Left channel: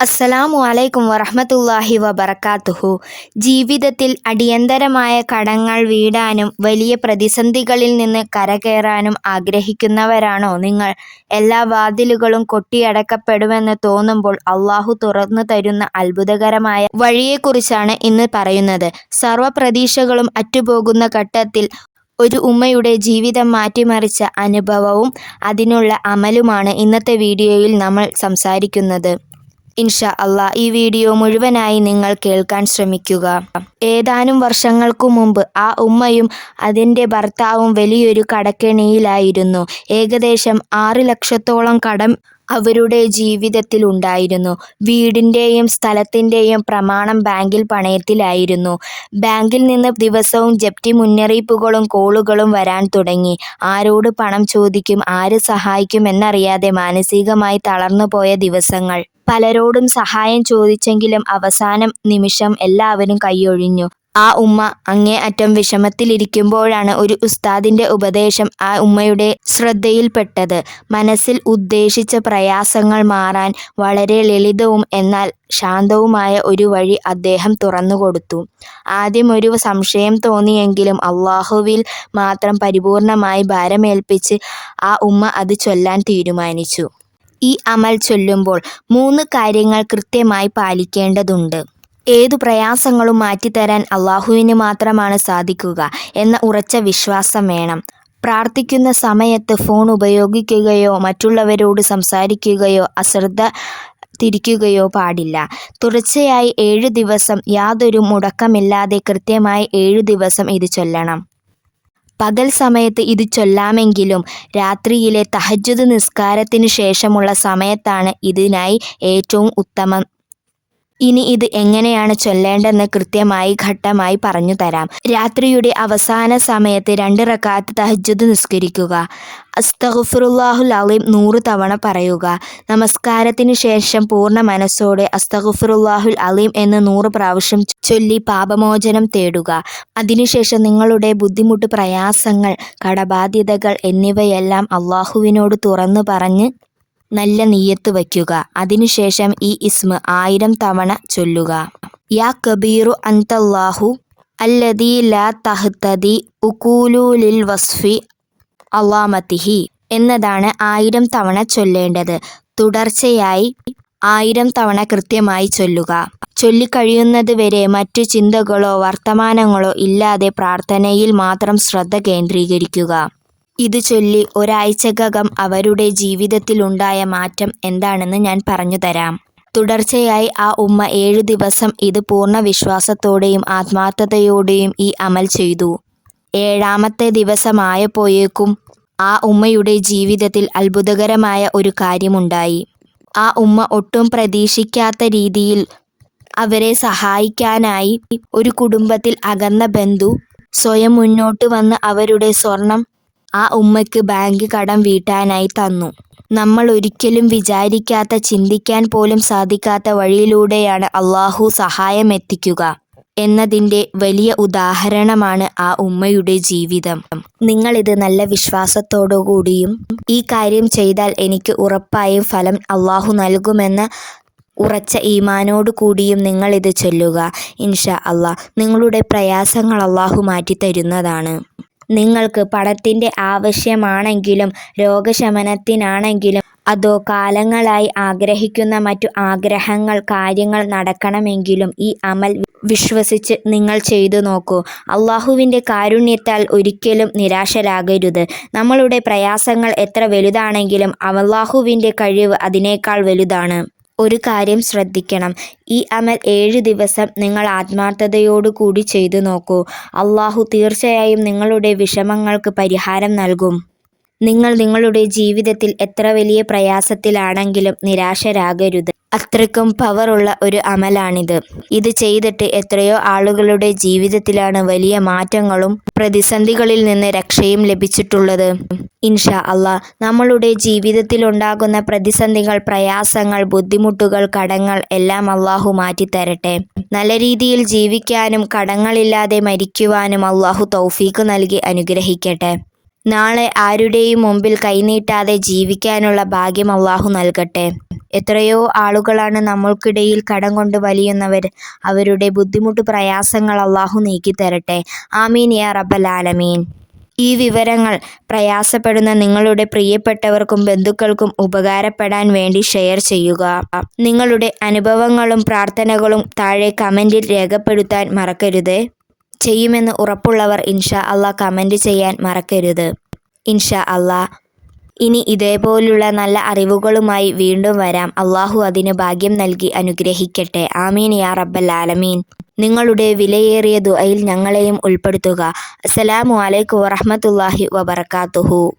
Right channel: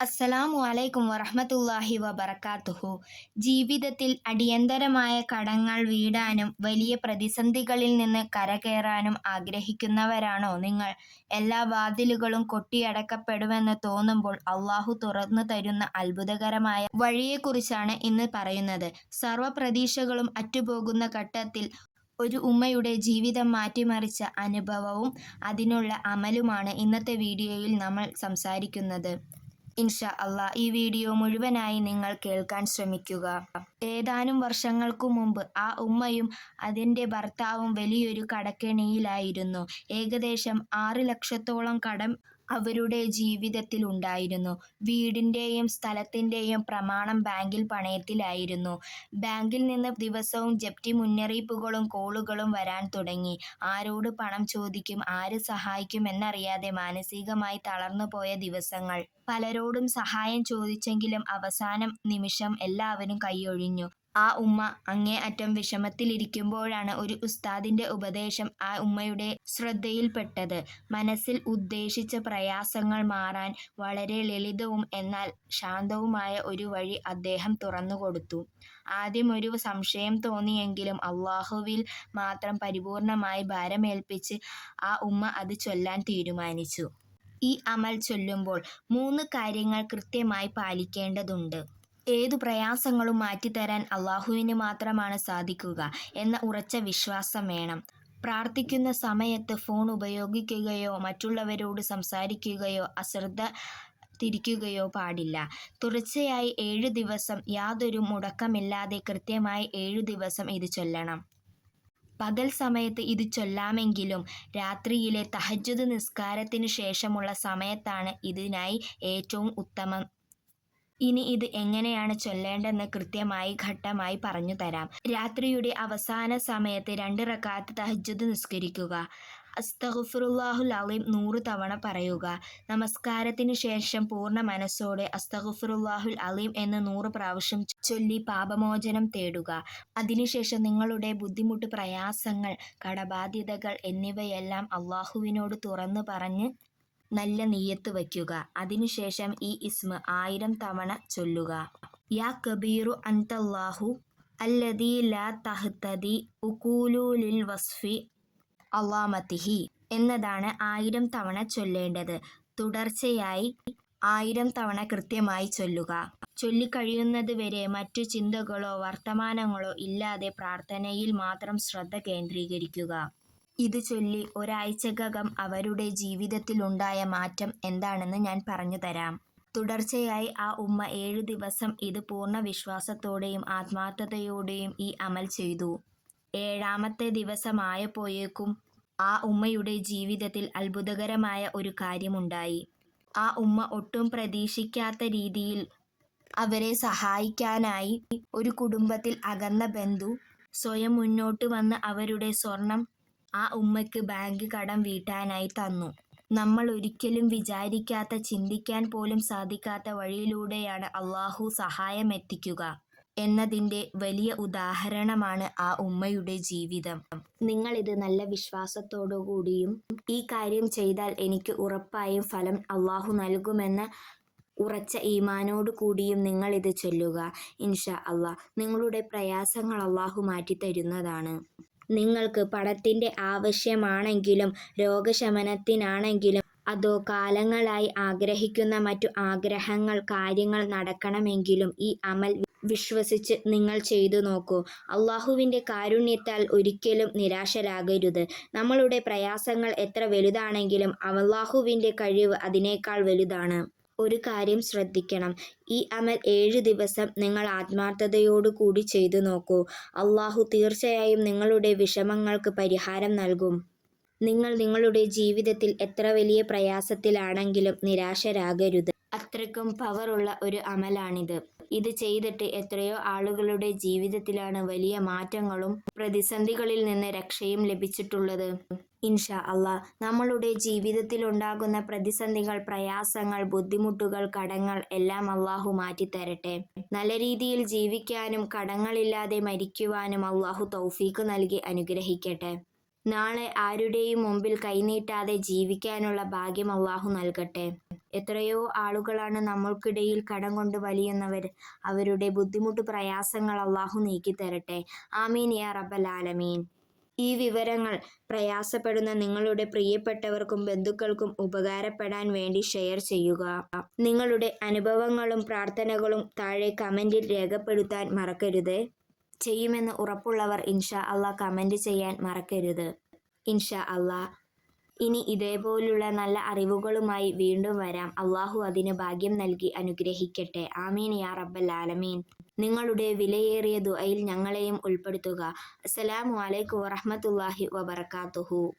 അസ്സലാമു അലൈക്കും വറഹ്മത്തുള്ളാഹി വബറകാതുഹു. ജീവിതത്തിൽ അടിയന്തരമായ കടങ്ങൾ വീടാനും വലിയ പ്രതിസന്ധികളിൽ നിന്ന് കരകയറാനും ആഗ്രഹിക്കുന്നവരാണോ നിങ്ങൾ? എല്ലാ വാതിലുകളും കൊട്ടിയടക്കപ്പെടുമെന്ന് തോന്നുമ്പോൾ അല്ലാഹു തുറന്നു തരുന്ന അത്ഭുതകരമായ വഴിയെക്കുറിച്ചാണ് ഇന്ന് പറയുന്നത്. സർവ്വ പ്രതീക്ഷകളും അറ്റുപോകുന്ന ഘട്ടത്തിൽ ഒരു ഉമ്മയുടെ ജീവിതം മാറ്റിമറിച്ച അനുഭവവും അതിനുള്ള അമലുമാണ് ഇന്നത്തെ വീഡിയോയിൽ നമ്മൾ സംസാരിക്കുന്നത്. ഇൻഷാ അല്ലാഹ് ഈ വീഡിയോ മുഴുവനായി നിങ്ങൾ കേൾക്കാൻ ശ്രമിക്കുക. ഏതാനും വർഷങ്ങൾക്കു മുമ്പ് ആ ഉമ്മയും അതിൻ്റെ ഭർത്താവും വലിയൊരു കടക്കെണിയിലായിരുന്നു. ഏകദേശം 6 ലക്ഷത്തോളം കടം അവരുടെ ജീവിതത്തിലുണ്ടായിരുന്നു. വീടിൻ്റെയും സ്ഥലത്തിൻ്റെയും പ്രമാണം ബാങ്കിൽ പണയത്തിലായിരുന്നു. ബാങ്കിൽ നിന്ന് ദിവസവും ജപ്തി മുന്നറിയിപ്പുകളും കോളുകളും വരാൻ തുടങ്ങി. ആരോട് പണം ചോദിക്കും, ആര് സഹായിക്കും എന്നറിയാതെ മാനസികമായി തളർന്നുപോയ ദിവസങ്ങൾ. പലരോടും സഹായം ചോദിച്ചെങ്കിലും അവസാന നിമിഷം എല്ലാവരും കൈയൊഴിഞ്ഞു. ആ ഉമ്മ അങ്ങേയറ്റം വിഷമത്തിലിരിക്കുമ്പോഴാണ് ഒരു ഉസ്താദിൻ്റെ ഉപദേശം ആ ഉമ്മയുടെ ശ്രദ്ധയിൽപ്പെട്ടത്. മനസ്സിൽ ഉദ്ദേശിച്ച പ്രയാസങ്ങൾ മാറാൻ വളരെ ലളിതവും എന്നാൽ ശാന്തവുമായ ഒരു വഴി അദ്ദേഹം തുറന്നുകൊടുത്തു. ആദ്യം ഒരു സംശയം തോന്നിയെങ്കിലും അല്ലാഹുവിൽ മാത്രം പരിപൂർണമായി ഭാരമേൽപ്പിച്ച് ആ ഉമ്മ അത് ചൊല്ലാൻ തീരുമാനിച്ചു. ഈ അമൽ ചൊല്ലുമ്പോൾ 3 കാര്യങ്ങൾ കൃത്യമായി പാലിക്കേണ്ടതുണ്ട്. ഏതു പ്രയാസങ്ങളും മാറ്റിത്തരാൻ അല്ലാഹുവിന് മാത്രമാണ് സാധിക്കുക എന്ന ഉറച്ച വിശ്വാസം വേണം. പ്രാർത്ഥിക്കുന്ന സമയത്ത് ഫോൺ ഉപയോഗിക്കുകയോ മറ്റുള്ളവരോട് സംസാരിക്കുകയോ അശ്രദ്ധ തിരിക്കുകയോ പാടില്ല. തുടർച്ചയായി 7 ദിവസം യാതൊരു മുടക്കമില്ലാതെ കൃത്യമായി 7 ദിവസം ഇത് ചൊല്ലണം. പകൽ സമയത്ത് ഇത് ചൊല്ലാമെങ്കിലും രാത്രിയിലെ തഹജ്ജുദ് നിസ്കാരത്തിന് ശേഷമുള്ള സമയത്താണ് ഇതിനായി ഏറ്റവും ഉത്തമം. ഇനി ഇത് എങ്ങനെയാണ് ചൊല്ലേണ്ടതെന്ന് കൃത്യമായി ഘട്ടമായി പറഞ്ഞു തരാം. രാത്രിയുടെ അവസാന സമയത്ത് 2 റക്അത്ത് തഹജ്ജുദ് നിസ്കരിക്കുക. അസ്തഗ്ഫിറുല്ലാഹുൽ അലീം 100 തവണ പറയുക. നമസ്കാരത്തിന് ശേഷം പൂർണ്ണ മനസ്സോടെ അസ്തഗ്ഫിറുല്ലാഹുൽ അലീം എന്ന് 100 പ്രാവശ്യം ചൊല്ലി പാപമോചനം തേടുക. അതിനുശേഷം നിങ്ങളുടെ ബുദ്ധിമുട്ട്, പ്രയാസങ്ങൾ, കടബാധ്യതകൾ എന്നിവയെല്ലാം അല്ലാഹുവിനോട് തുറന്നു പറഞ്ഞ് നല്ല നിയ്യത്ത് വയ്ക്കുക. അതിനുശേഷം ഈ ഇസ്മ 1000 തവണ ചൊല്ലുക. യാ കബീറു അൻതല്ലാഹു അല്ലദീ ലാ തഹ്തദി ഉഖൂലു ലിൽ വസ്ഫി അളാമതിഹി എന്നതാണ് 1000 തവണ ചൊല്ലേണ്ടത്. തുടർച്ചയായി 1000 തവണ കൃത്യമായി ചൊല്ലുക. ചൊല്ലിക്കഴിയുന്നത് വരെ മറ്റു ചിന്തകളോ വർത്തമാനങ്ങളോ ഇല്ലാതെ പ്രാർത്ഥനയിൽ മാത്രം ശ്രദ്ധ കേന്ദ്രീകരിക്കുക. ഇത് ചൊല്ലി ഒരാഴ്ചക്കകം അവരുടെ ജീവിതത്തിലുണ്ടായ മാറ്റം എന്താണെന്ന് ഞാൻ പറഞ്ഞു തരാം. തുടർച്ചയായി ആ ഉമ്മ 7 ദിവസം ഇത് പൂർണ്ണ വിശ്വാസത്തോടെയും ആത്മാർത്ഥതയോടെയും ഈ അമൽ ചെയ്തു. 7ാമത്തെ ദിവസമായപ്പോഴേക്കും ആ ഉമ്മയുടെ ജീവിതത്തിൽ അത്ഭുതകരമായ ഒരു കാര്യമുണ്ടായി. ആ ഉമ്മ ഒട്ടും പ്രതീക്ഷിക്കാത്ത രീതിയിൽ അവരെ സഹായിക്കാനായി ഒരു കുടുംബത്തിൽ അകന്ന ബന്ധു സ്വയം മുന്നോട്ട് വന്ന് അവരുടെ സ്വർണം ആ ഉമ്മയ്ക്ക് ബാങ്ക് കടം വീട്ടാനായി തന്നു. നമ്മൾ ഒരിക്കലും വിചാരിക്കാത്ത, ചിന്തിക്കാൻ പോലും സാധിക്കാത്ത വഴിയിലൂടെയാണ് അല്ലാഹു സഹായം എത്തിക്കുക എന്നതിൻ്റെ വലിയ ഉദാഹരണമാണ് ആ ഉമ്മയുടെ ജീവിതം. നിങ്ങളിത് നല്ല വിശ്വാസത്തോടുകൂടിയും ഈ കാര്യം ചെയ്താൽ എനിക്ക് ഉറപ്പായും ഫലം അല്ലാഹു നൽകുമെന്ന ഉറച്ച ഈമാനോടു കൂടിയും നിങ്ങളിത് ചൊല്ലുക. ഇൻഷാ അല്ലാഹ് നിങ്ങളുടെ പ്രയാസങ്ങൾ അല്ലാഹു മാറ്റിത്തരുന്നതാണ്. നിങ്ങൾക്ക് പണത്തിൻ്റെ ആവശ്യമാണെങ്കിലും രോഗശമനത്തിനാണെങ്കിലും അതോ കാലങ്ങളായി ആഗ്രഹിക്കുന്ന മറ്റു ആഗ്രഹങ്ങൾ, കാര്യങ്ങൾ നടക്കണമെങ്കിലും ഈ അമൽ വിശ്വസിച്ച് നിങ്ങൾ ചെയ്തു നോക്കൂ. അല്ലാഹുവിൻ്റെ കാരുണ്യത്താൽ ഒരിക്കലും നിരാശരാകരുത്. നമ്മളുടെ പ്രയാസങ്ങൾ എത്ര വലുതാണെങ്കിലും അല്ലാഹുവിൻ്റെ കഴിവ് അതിനേക്കാൾ വലുതാണ്. ഒരു കാര്യം ശ്രദ്ധിക്കണം, ഈ അമൽ 7 ദിവസം നിങ്ങൾ ആത്മാർത്ഥതയോടു കൂടി ചെയ്തു നോക്കൂ. അല്ലാഹു തീർച്ചയായും നിങ്ങളുടെ വിഷമങ്ങൾക്ക് പരിഹാരം നൽകും. നിങ്ങൾ നിങ്ങളുടെ ജീവിതത്തിൽ എത്ര വലിയ പ്രയാസത്തിലാണെങ്കിലും നിരാശരാകരുത്. അത്രയ്ക്കും പവറുള്ള ഒരു അമലാണിത്. ഇത് ചെയ്തിട്ട് എത്രയോ ആളുകളുടെ ജീവിതത്തിലാണ് വലിയ മാറ്റങ്ങളും പ്രതിസന്ധികളിൽ നിന്ന് രക്ഷയും ലഭിച്ചിട്ടുള്ളത്. ഇൻഷാ അല്ലാഹ് നമ്മളുടെ ജീവിതത്തിലുണ്ടാകുന്ന പ്രതിസന്ധികൾ, പ്രയാസങ്ങൾ, ബുദ്ധിമുട്ടുകൾ, കടങ്ങൾ എല്ലാം അല്ലാഹു മാറ്റിത്തരട്ടെ. നല്ല രീതിയിൽ ജീവിക്കാനും കടങ്ങളില്ലാതെ മരിക്കുവാനും അല്ലാഹു തൗഫീഖ് നൽകി അനുഗ്രഹിക്കട്ടെ. നാളെ ആരുടെയും മുമ്പിൽ കൈനീട്ടാതെ ജീവിക്കാനുള്ള ഭാഗ്യം അല്ലാഹു നൽകട്ടെ. എത്രയോ ആളുകളാണ് നമ്മൾക്കിടയിൽ കടം കൊണ്ട് വലിയുന്നവർ. അവരുടെ ബുദ്ധിമുട്ട് പ്രയാസങ്ങൾ അള്ളാഹു നീക്കിത്തരട്ടെ. ആമീൻ യാ റബ്ബൽ ആലമീൻ. ഈ വിവരങ്ങൾ പ്രയാസപ്പെടുന്ന നിങ്ങളുടെ പ്രിയപ്പെട്ടവർക്കും ബന്ധുക്കൾക്കും ഉപകാരപ്പെടാൻ വേണ്ടി ഷെയർ ചെയ്യുക. നിങ്ങളുടെ അനുഭവങ്ങളും പ്രാർത്ഥനകളും താഴെ കമൻറ്റിൽ രേഖപ്പെടുത്താൻ മറക്കരുത്. ചെയ്യുമെന്ന് ഉറപ്പുള്ളവർ ഇൻഷാ അള്ളാഹ് കമൻറ്റ് ചെയ്യാൻ മറക്കരുത്. ഇൻഷാ അള്ളാഹ് ഇനി ഇതേപോലുള്ള നല്ല അറിവുകളുമായി വീണ്ടും വരാം. അള്ളാഹു അതിന് ഭാഗ്യം നൽകി അനുഗ്രഹിക്കട്ടെ. ആമീൻ യാ റബ്ബൽ ആലമീൻ. നിങ്ങളുടെ വിലയേറിയ ദുആയിൽ ഞങ്ങളെയും ഉൾപ്പെടുത്തുക. അസ്സലാമു അലൈക്കും വറഹ്മത്തുള്ളാഹി വബറകാതുഹു.